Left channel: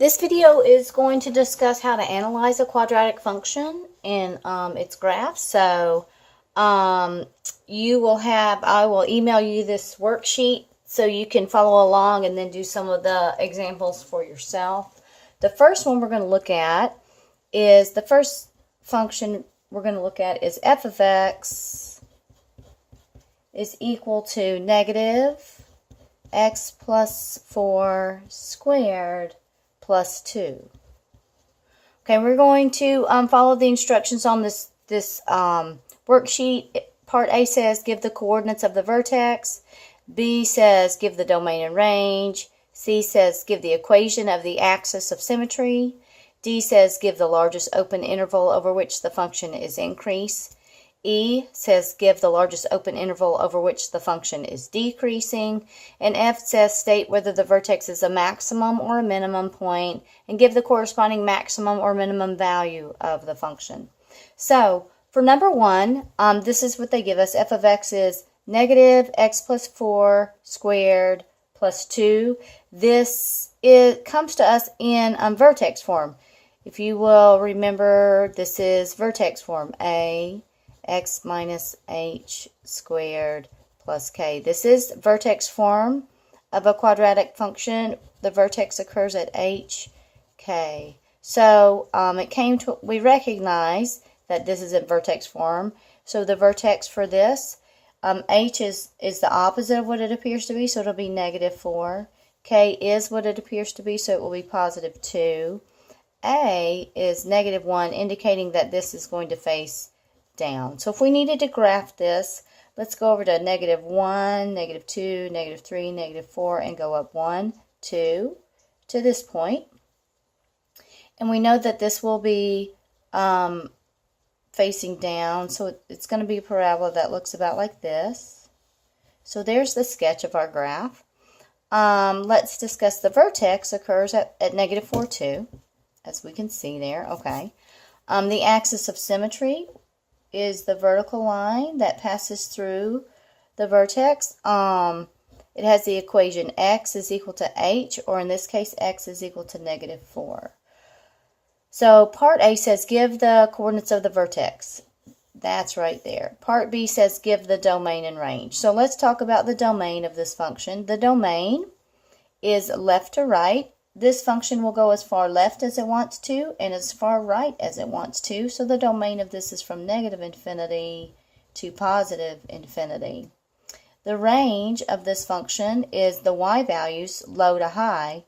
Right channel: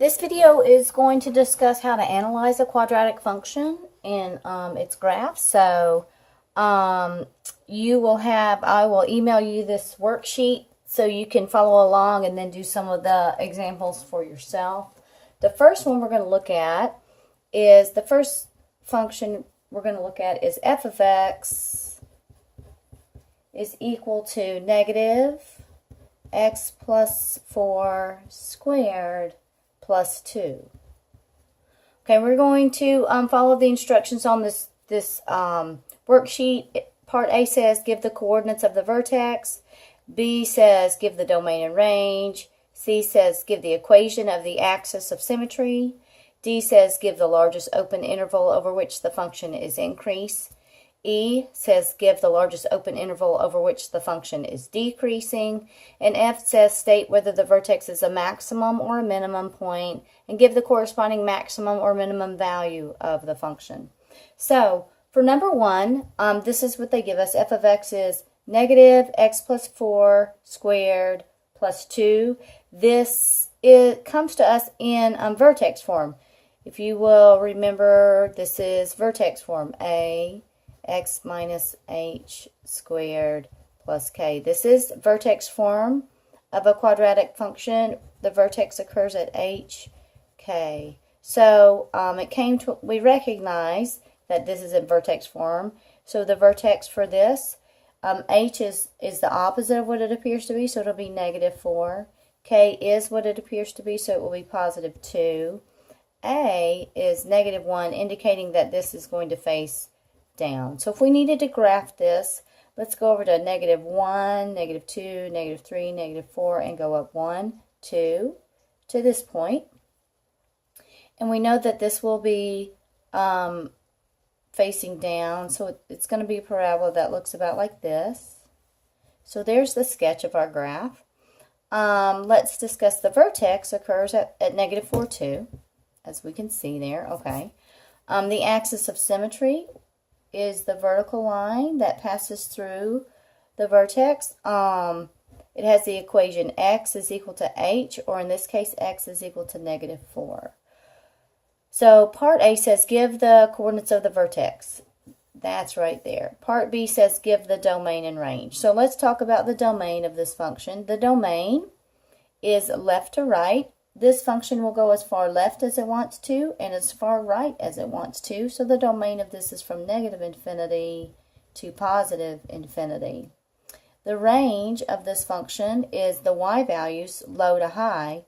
This video is going to discuss how to analyze a quadratic function in its graph. So I will email you this worksheet so you can follow along and then do some of the examples for yourself. The first one we're going to look at is, the first function we're going to look at is f of x is equal to negative x plus 4 squared plus 2. Okay, we're going to follow the instructions on this worksheet. Part A says give the coordinates of the vertex. B says give the domain and range. C says give the equation of the axis of symmetry. D says give the largest open interval over which the function is increased. E says give the largest open interval over which the function is decreasing. And F says state whether the vertex is a maximum or a minimum point and give the corresponding maximum or minimum value of the function. So for number one, this is what they give us. F of x is negative x plus 4 squared plus 2. It comes to us in vertex form. If you will remember, this is vertex form. A x minus h squared plus k. This is vertex form of a quadratic function. The vertex occurs at h, k. So we recognize that this is in vertex form. So the vertex for this, h is the opposite of what it appears to be, so it'll be negative 4. K is what it appears to be, so it will be positive 2. A is negative 1, indicating that this is going to face down. So if we needed to graph this, let's go over to negative 1, negative 2, negative 3, negative 4, and go up 1, 2 to this point. And we know that this will be facing down, so it's going to be a parabola that looks about like this. So there's the sketch of our graph. Let's discuss the vertex occurs at negative 4, 2, as we can see there. Okay. The axis of symmetry is the vertical line that passes through the vertex. It has the equation x is equal to h, or in this case, x is equal to negative 4. So part A says give the coordinates of the vertex. That's right there. Part B says give the domain and range. So let's talk about the domain of this function. The domain is left to right. This function will go as far left as it wants to and as far right as it wants to. So the domain of this is from negative infinity to positive infinity. The range of this function is the y values, low to high.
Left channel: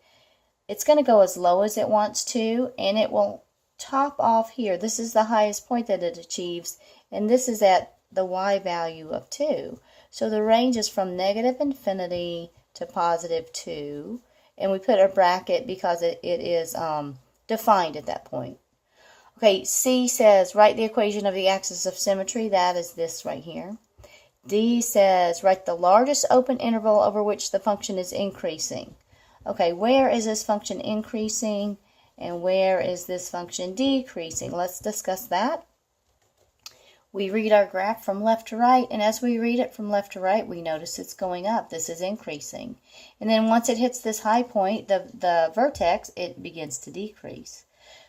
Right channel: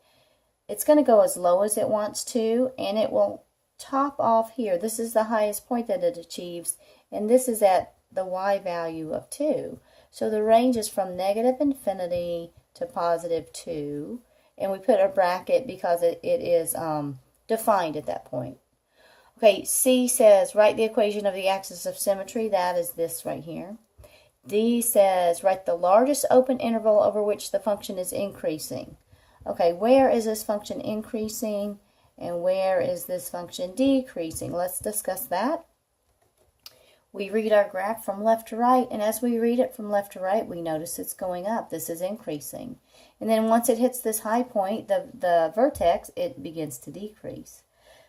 It's going to go as low as it wants to, and it will top off here. This is the highest point that it achieves, and this is at the y value of 2. So the range is from negative infinity to positive 2. And we put a bracket because it is defined at that point. Okay, C says write the equation of the axis of symmetry. That is this right here. D says write the largest open interval over which the function is increasing. Okay, where is this function increasing and where is this function decreasing? Let's discuss that. We read our graph from left to right, and as we read it from left to right, we notice it's going up. This is increasing. And then once it hits this high point, the vertex, it begins to decrease.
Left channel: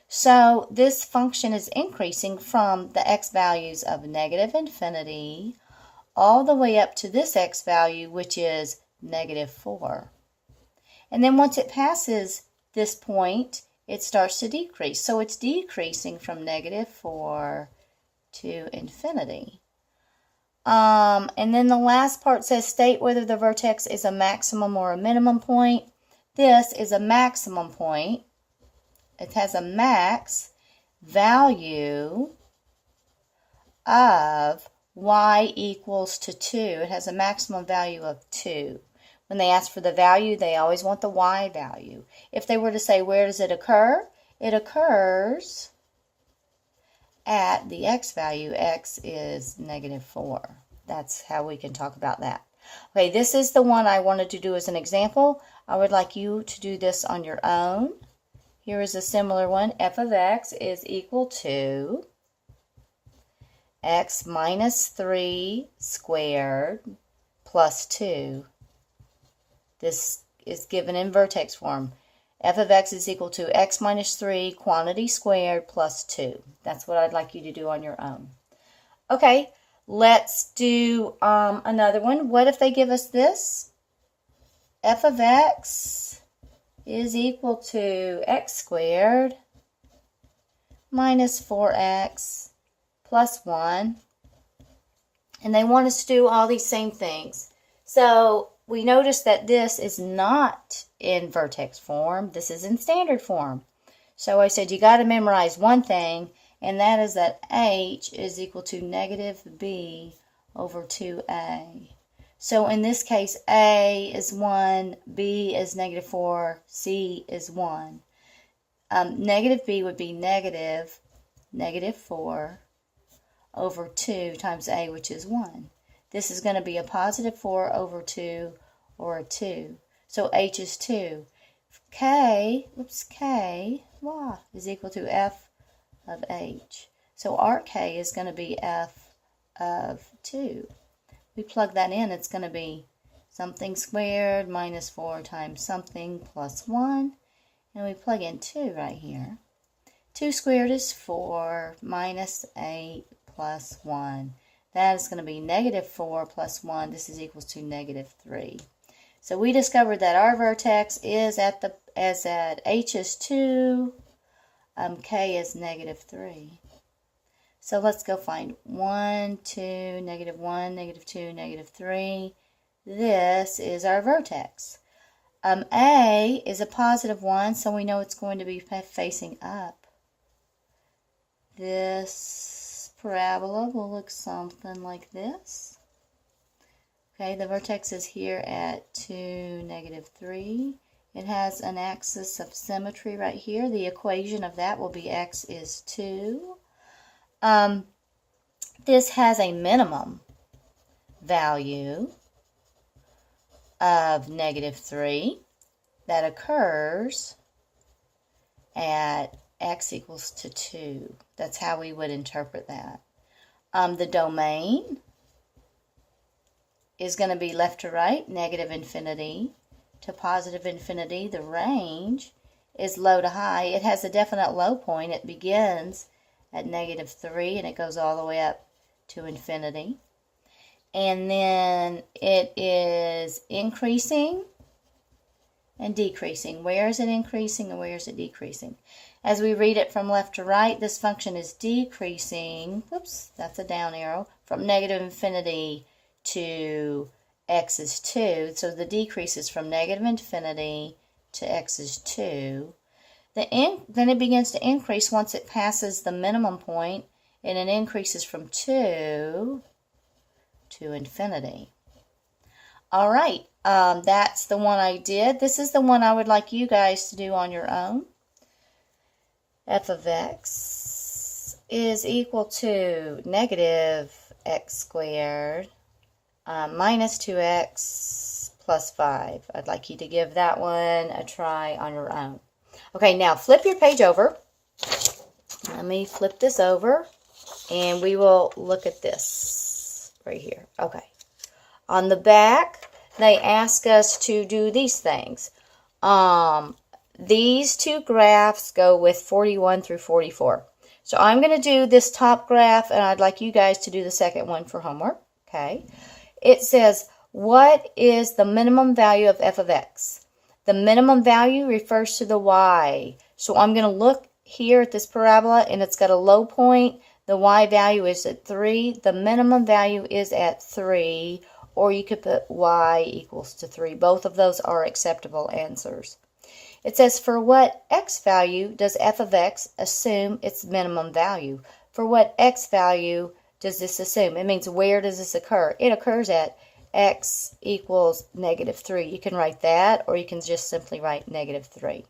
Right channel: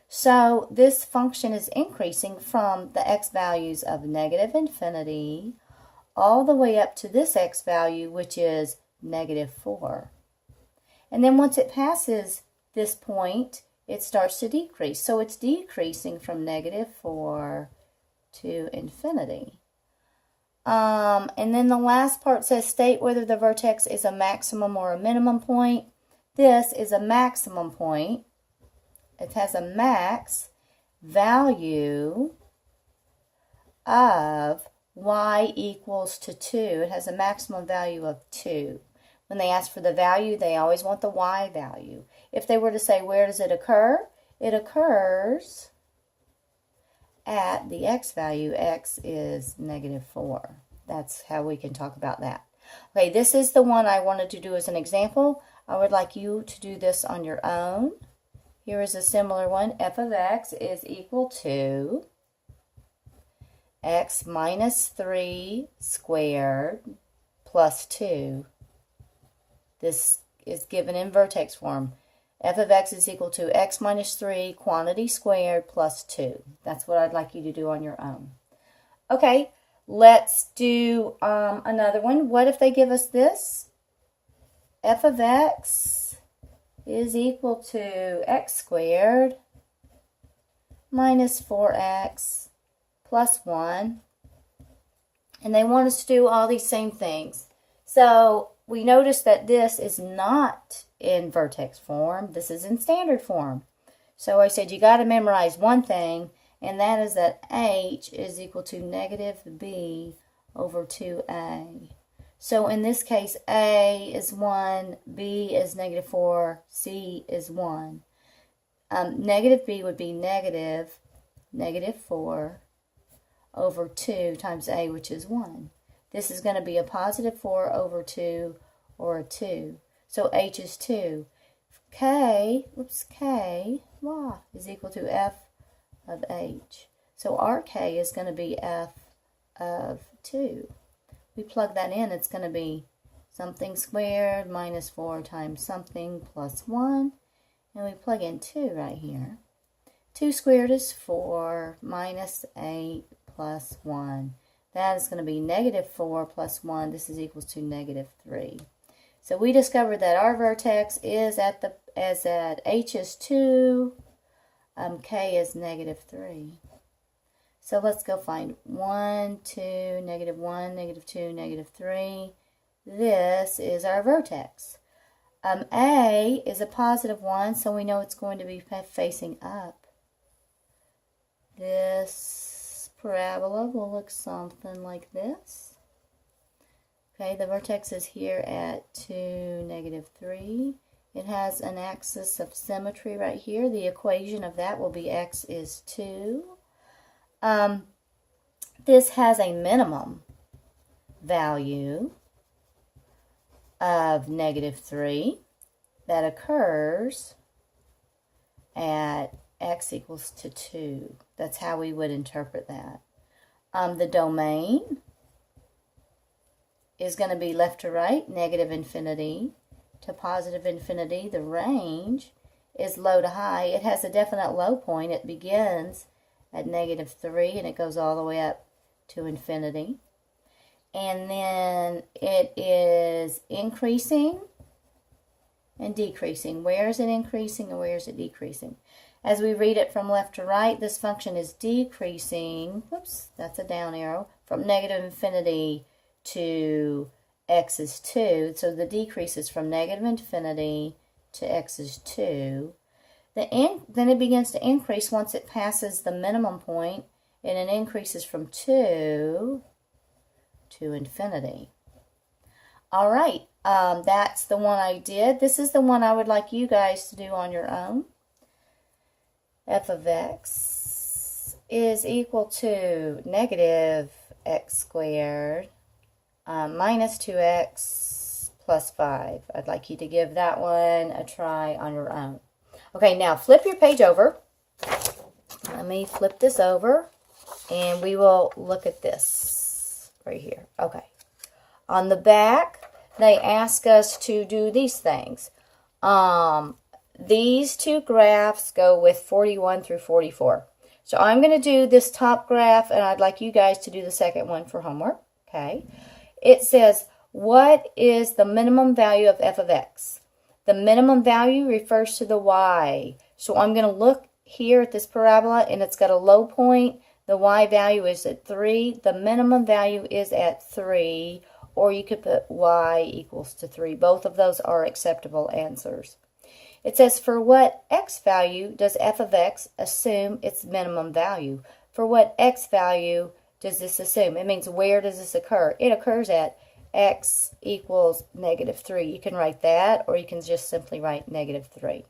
So this function is increasing from the x values of negative infinity all the way up to this x value, which is negative 4. And then once it passes this point, it starts to decrease. So it's decreasing from negative 4 to infinity. And then the last part says state whether the vertex is a maximum or a minimum point. This is a maximum point. It has a max value of y equals to 2. It has a maximum value of 2. When they ask for the value, they always want the y value. If they were to say where does it occur, it occurs at the x value. X is negative 4. That's how we can talk about that. Okay, this is the one I wanted to do as an example. I would like you to do this on your own. Here is a similar one. F of x is equal to x minus 3 squared plus 2. This is given in vertex form. f of x is equal to x minus 3 quantity squared plus 2. That's what I'd like you to do on your own. Okay, let's do another one. What if they give us this? F of x is equal to x squared minus 4x plus 1. And they want us to do all these same things. So we notice that this is not in vertex form. This is in standard form. So I said you got to memorize one thing, and that is that h is equal to negative b over 2a. So in this case, a is 1, b is negative 4, c is 1. Negative b would be negative 4 over 2 times a, which is 1. This is going to be a positive 4 over 2, or a 2. So h is 2. K y is equal to f of h. So our k is going to be f of 2. We plug that in, it's going to be something squared minus 4 times something plus 1. And we plug in 2 right here. 2 squared is 4 minus 8 plus 1. That is going to be negative 4 plus 1. This is equals to negative 3. So we discovered that our vertex is at h is 2, k is negative 3. So let's go find 1, 2, negative 1, negative 2, negative 3. This is our vertex. A is a positive 1, so we know it's going to be facing up. This parabola will look something like this. Okay, the vertex is here at 2, negative 3. It has an axis of symmetry right here. The equation of that will be x is 2. This has a minimum value of negative 3 that occurs at x equals to 2. That's how we would interpret that. The domain is going to be left to right, negative infinity to positive infinity. The range is low to high. It has a definite low point. It begins at negative 3 and it goes all the way up to infinity. And then it is increasing and decreasing. Where is it increasing and where is it decreasing? As we read it from left to right, this function is decreasing, whoops, that's a down arrow, from negative infinity to x is 2. So the decrease is from negative infinity to x is 2. Then it begins to increase once it passes the minimum point, and it increases from 2 to infinity. All right, that's the one I did. This is the one I would like you guys to do on your own. F of x is equal to negative x squared minus 2x plus 5. I'd like you to give that one a try on your own. Okay, now flip your page over. Let me flip this over, and we will look at this right here. Okay. On the back, they ask us to do these things. These two graphs go with 41 through 44. So I'm going to do this top graph, and I'd like you guys to do the second one for homework. Okay. It says, what is the minimum value of f of x? The minimum value refers to the y. So I'm going to look here at this parabola, and it's got a low point. The y value is at 3. The minimum value is at 3, or you could put y equals to 3. Both of those are acceptable answers. It says, for what x value does f of x assume its minimum value? For what x value does this assume? It means where does this occur? It occurs at x equals negative 3. You can write that, or you can just simply write negative 3.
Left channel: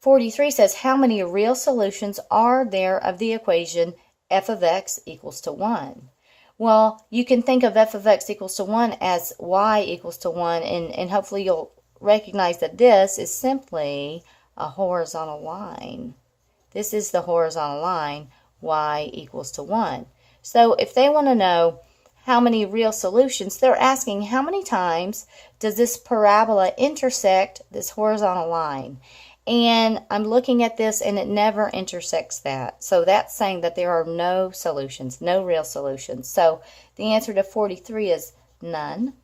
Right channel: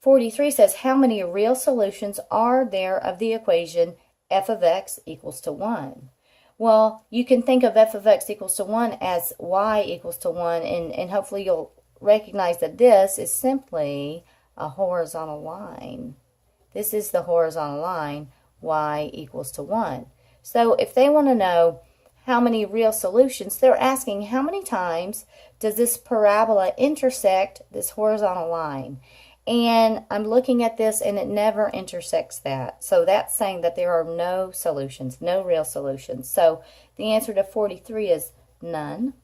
43 says, how many real solutions are there of the equation f of x equals to 1? Well, you can think of f of x equals to 1 as y equals to 1, and hopefully you'll recognize that this is simply a horizontal line. This is the horizontal line, y equals to 1. So if they want to know how many real solutions, they're asking how many times does this parabola intersect this horizontal line? And I'm looking at this and it never intersects that. So that's saying that there are no solutions, no real solutions. So the answer to 43 is none.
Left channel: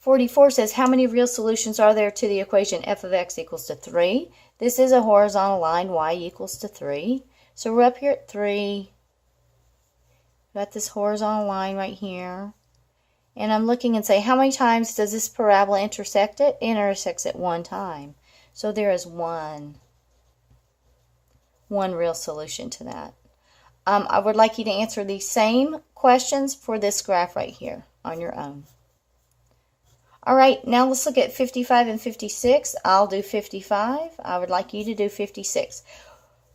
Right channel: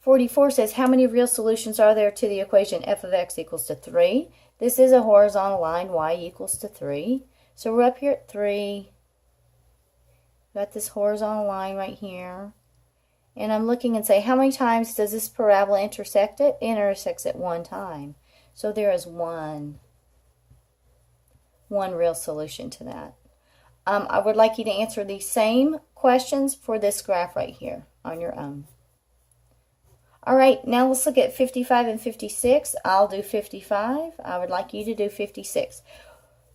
44 says, how many real solutions are there to the equation f of x equals to 3? This is a horizontal line, y equals to 3. So we're up here at 3. Got this horizontal line right here. And I'm looking and say, how many times does this parabola intersect it? It intersects it one time. So there is one real solution to that. I would like you to answer these same questions for this graph right here on your own. All right, now let's look at 55 and 56. I'll do 55. I would like you to do 56.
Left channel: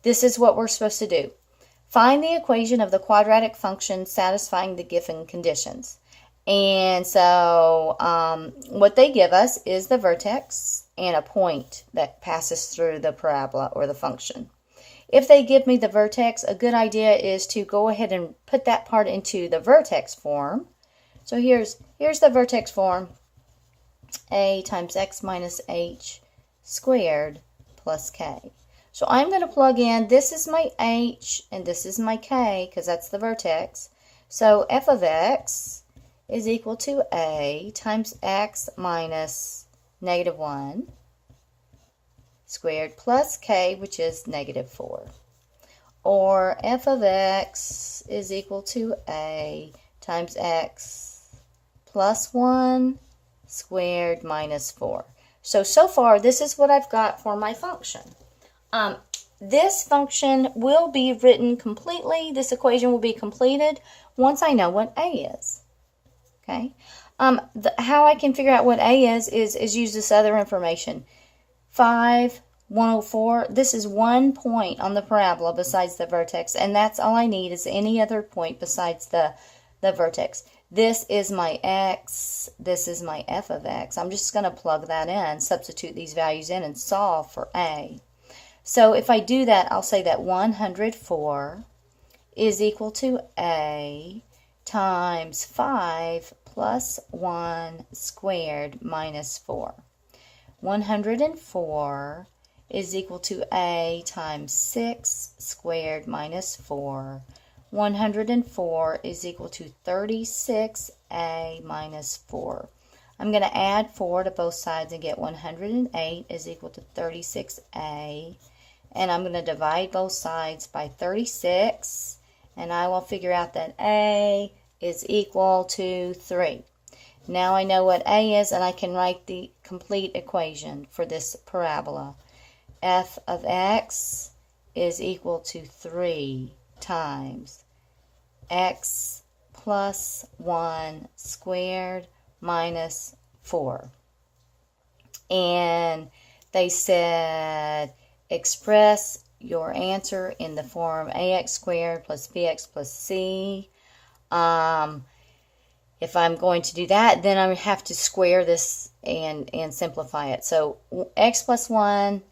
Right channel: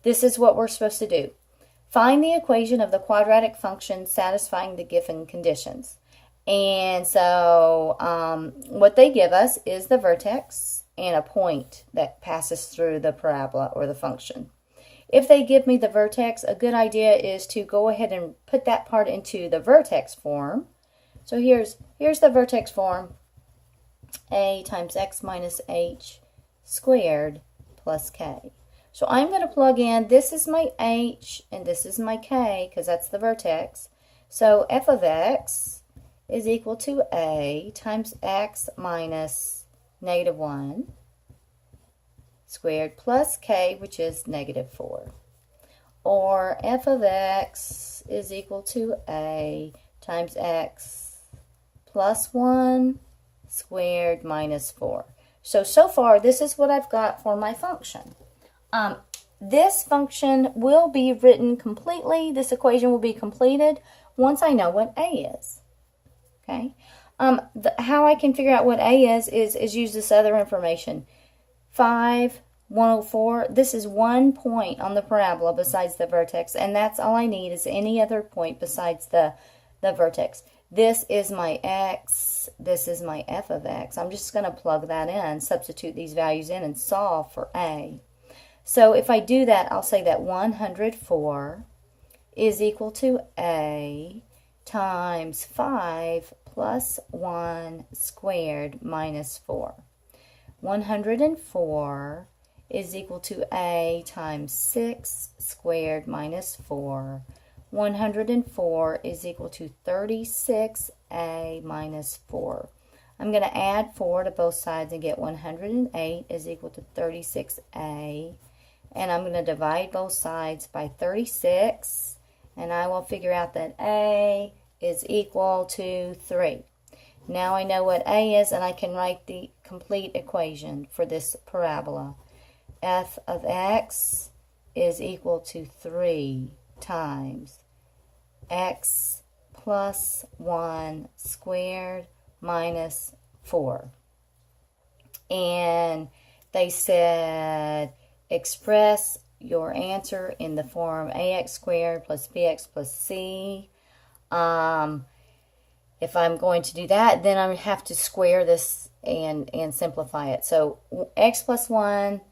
This is what we're supposed to do. Find the equation of the quadratic function satisfying the given conditions. And so what they give us is the vertex and a point that passes through the parabola or the function. If they give me the vertex, a good idea is to go ahead and put that part into the vertex form. So here's the vertex form. A times x minus h squared plus k. So I'm going to plug in, this is my h and this is my k because that's the vertex. So f of x is equal to a times x minus negative 1 squared plus k, which is negative 4. Or f of x is equal to a times x plus 1 squared minus 4. So far, this is what I've got for my function. This function will be written completely, this equation will be completed once I know what a is. Okay, how I can figure out what a is use this other information. 5, 104, this is one point on the parabola besides the vertex, and that's all I need is any other point besides the vertex. This is my x, this is my f of x. I'm just going to plug that in, substitute these values in, and solve for a. So if I do that, I'll say that 104 is equal to a times 5 plus 1 squared minus 4. 104 is equal to a times 6 squared minus 4. 104 is equal to 36a minus 4. I'm going to add 4 to both sides and get 108 is equal to 36a. And I'm going to divide both sides by 36. And I will figure out that a is equal to 3. Now I know what a is, and I can write the complete equation for this parabola. F of x is equal to 3 times x plus 1 squared minus 4. And they said express your answer in the form ax squared plus bx plus c. If I'm going to do that, then I have to square this and simplify it. So x plus 1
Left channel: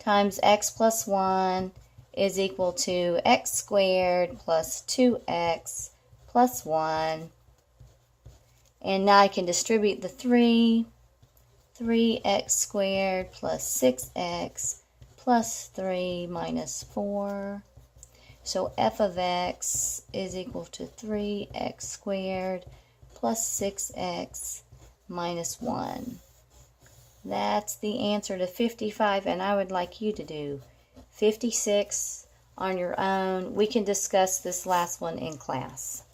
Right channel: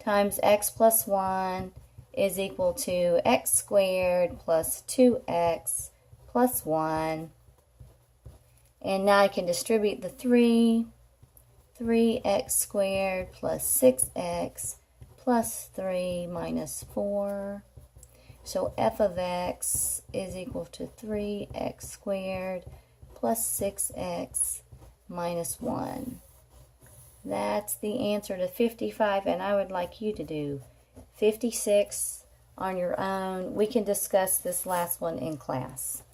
times x plus 1 is equal to x squared plus 2x plus 1. And now I can distribute the 3x squared plus 6x plus 3 minus 4. So f of x is equal to 3x squared plus 6x minus 1. That's the answer to 55, and I would like you to do 56 on your own. We can discuss this last one in class.